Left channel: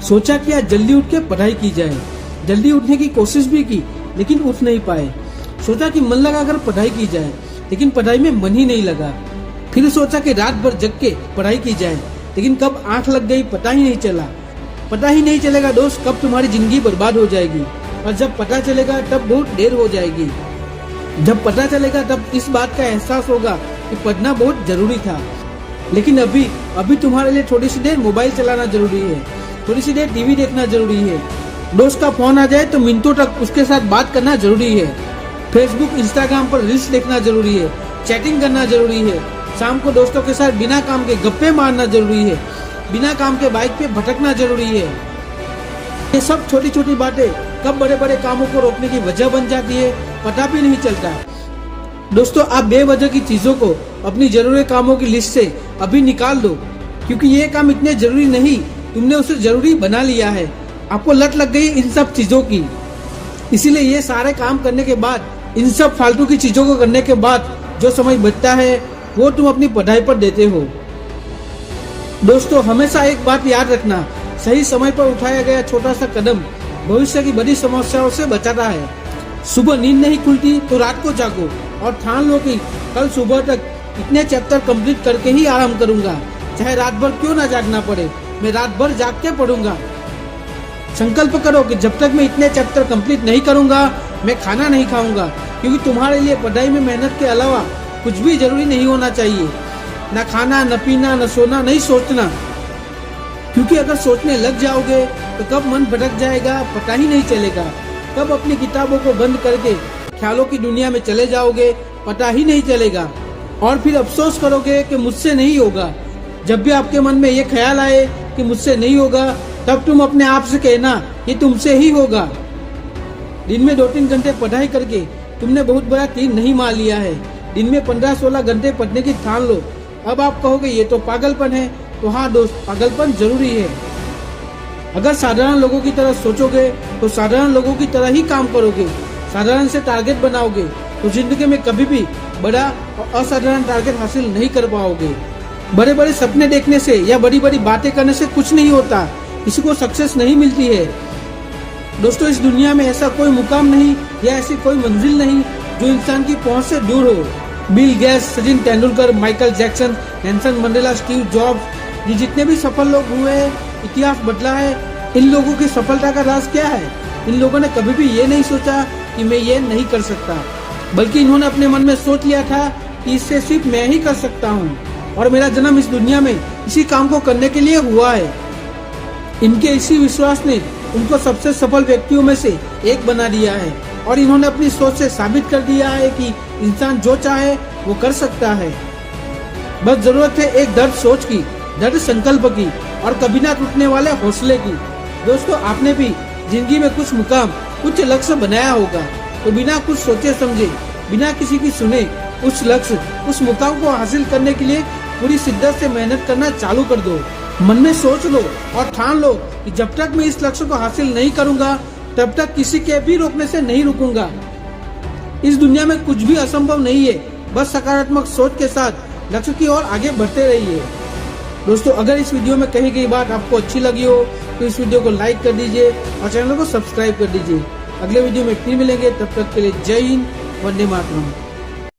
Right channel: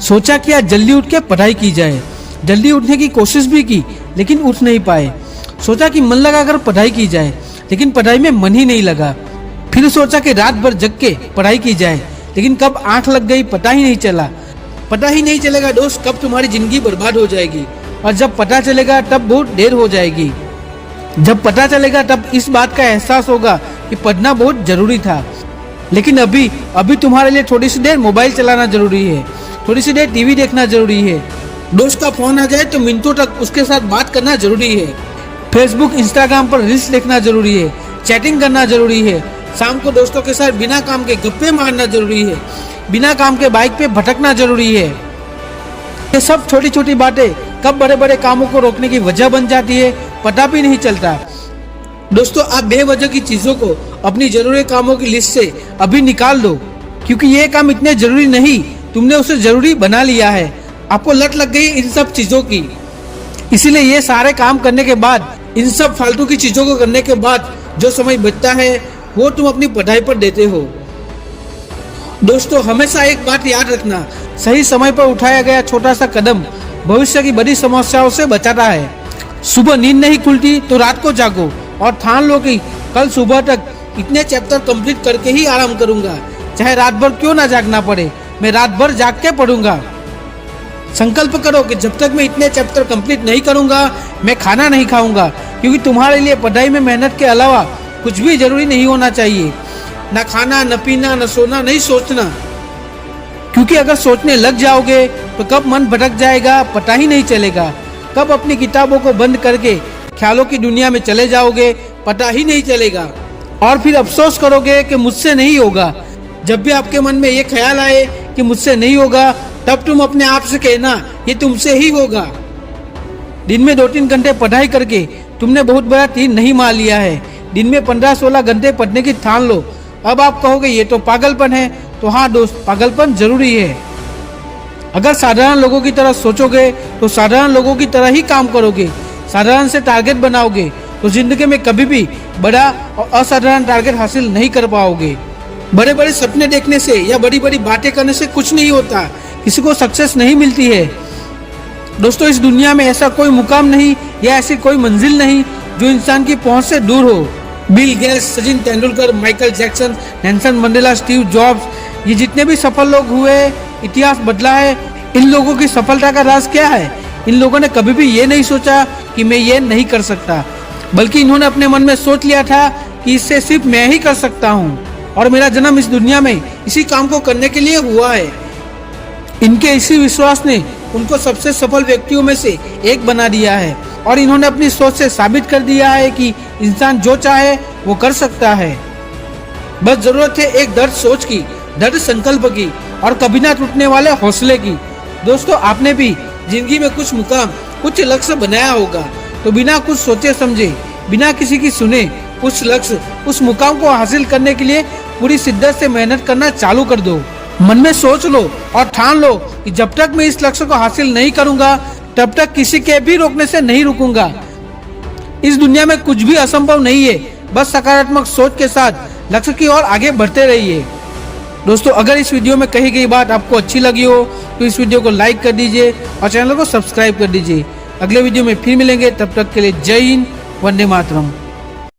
सोचा कि आज जल्दी उठ के पढ़ाई की जाए। जल्दी उठने की कोशिश भी की लेकिन उठ नहीं पाए। सोचा कि मन लगाकर पढ़ाई की जाए लेकिन पढ़ाई में मन ही नहीं लगा। फिर सोचा कि रात भर जग के पढ़ाई की जाए लेकिन कब आंख लग गई पता ही नहीं चला। पता ही नहीं चलेगा दोस्त कब तुम्हारी जिंदगी बर्बाद हो जाएगी, और जब पता चलेगा तब बहुत देर हो जाएगी। जब पता चलेगा तब इस बात का एहसास होगा कि पढ़ना बहुत जरूरी था। लेकिन अभी तुम्हारे लिए थोड़ी सी देर मोबाइल चलाना जरूरी है, थोड़ी सी देर टीवी देखना जरूरी है। दोस्त का फोन आ जाए तो मिनटों तक उसके साथ बात करना जरूरी है। फेसबुक इंस्टाग्राम पर रील्स देखना जरूरी है, चैटिंग करना जरूरी है। शाम को दोस्तों के साथ बिना काम के गप्पे मारना जरूरी है, बिना काम के बाइक पे भटकना जरूरी है। ये सब छोटी छोटी बातें कब बड़े बड़े कामों को रोकने की वजह बन जाती है पता भी नहीं चलता। दोस्तों आप बेवजह की चीजों को अपनी जरूरी कामों की लिस्ट से अभी निकाल दो, क्योंकि ये काम इतने जरूरी नहीं, तुमने उसे जरूरी बना लिया है। आपको लत लग गई इन सब चीजों की, इसीलिए ये सारे काम करने के बाद, इन सब फालतू की चीजों को करने के बाद जो समय बचता है वो तुम अपनी पढ़ाई पर देते हो। दोस्तों हमेशा एक बात याद रखना, सही समय पर उठाया गया छोटा सा कदम भविष्य की बड़ी समस्याओं से बचाता है। सुबह नींद नहीं खुलती तो रात को जागो और ठान लो कि कल सुबह तक इतने चैप्टर कंप्लीट करके ही आराम करूंगा, चाहे रात भर क्यों ना जागना पड़े, मैं रात भर जाग के पढ़ूंगा। संकल्प करो कि जब तक मैं इतने चैप्टर कंप्लीट नहीं करूंगा मैं खाना नहीं खाऊंगा, क्योंकि तुम्हारे लिए पढ़ाई में मेहनत के अलावा कुछ भी जरूरी नहीं होना चाहिए। न खाना, न पीना, न सोना, नहीं सोचना, क्योंकि अगर सोचने लग जाओगे तो कब मन भटक जाएगा पता ही नहीं चलेगा। कब अपनी किताबों को बंद करके ख्यालों की दुनिया में चले जाओगे पता ही नहीं चलेगा, और फिर अफसोस करोगे कि मुझसे नहीं होगा। जब भी आपके मन में ये ख्याल आए कि मुझसे नहीं होगा तब तुम अपने आप से कहना ये तुमसे ही होगा। दिन में 2-3 घंटे पढ़ाई करके तुमने बहुत बड़ा तीर नहीं मार लिया है। दिन में 15-16 घंटे पढ़ने की ठान लो। अब आप कहोगे ये तो पागलपन है, तो हाँ दोस्त, पागलपन जरूरी है। अगर साधारण लोगों की तरह सोचोगे तो साधारण लोगों की तरह ही काम करोगे, साधारण से टारगेट बनाओगे तो जिंदगी में कभी भी बड़ा और असाधारण टारगेट हासिल नहीं कर पाओगे। बड़े बड़े सपने देखने से या बड़ी बड़ी बातें करने से कुछ नहीं होता, किसी को सक्सेस नहीं मिलती है। दोस्तों इस दुनिया में ऐसा कोई मुकाम नहीं या ऐसी कोई मंजिल नहीं जो इंसान की पहुंच से दूर हो। Bill Gates, Sachin Tendulkar, Michael Jackson, Nelson Mandela, Steve jobs, ये जितने भी सफल लोग हुए, इतिहास बदला है। इन लोगों की सफलता का राज क्या है? इन लोगों ने कभी भी ये नहीं सोचा कि मैं ये नहीं कर सकता, बल्कि इन्होंने अपने मन में सोच लिया था कि इससे सिर्फ मैं ही कर सकता हूँ और मेरा जन्म इस दुनिया में इसी काम को करने के लिए हुआ है। इनके इसी विश्वास ने उनको सबसे सफल व्यक्तियों में से एक बना दिया है, और इन्होंने अपनी सोच से साबित कर दिया है कि इंसान जो चाहे वो कर सकता है। बस जरूरत है एक दृढ़ सोच की, दृढ़ संकल्प की और कभी ना टूटने वाले हौसले की। दोस्तों आपने भी जिंदगी में कुछ मुकाम, कुछ लक्ष्य बनाया होगा, तो बिना कुछ सोचे समझे, बिना किसी की सुने उस लक्ष्य, उस मुकाम को हासिल करने के लिए पूरी शिद्दत से मेहनत करना चालू कर दो। मन में सोच लो और ठान लो कि जब तक मैं इस लक्ष्य को हासिल नहीं करूंगा तब तक किसी के भी रोकने से नहीं रुकूंगा। इस दुनिया में कुछ भी असंभव नहीं है, बस सकारात्मक सोच के साथ लक्ष्य की ओर आगे बढ़ते रहिए। दोस्तों अगर इस वीडियो में कही गई बात आपको अच्छी लगी हो तो इस वीडियो को लाइक कर दीजिए और चैनल को सब्सक्राइब कर दीजिए। अगले वीडियो में फिर मिलेंगे, तब तक के लिए जय हिंद, वंदे मातरम।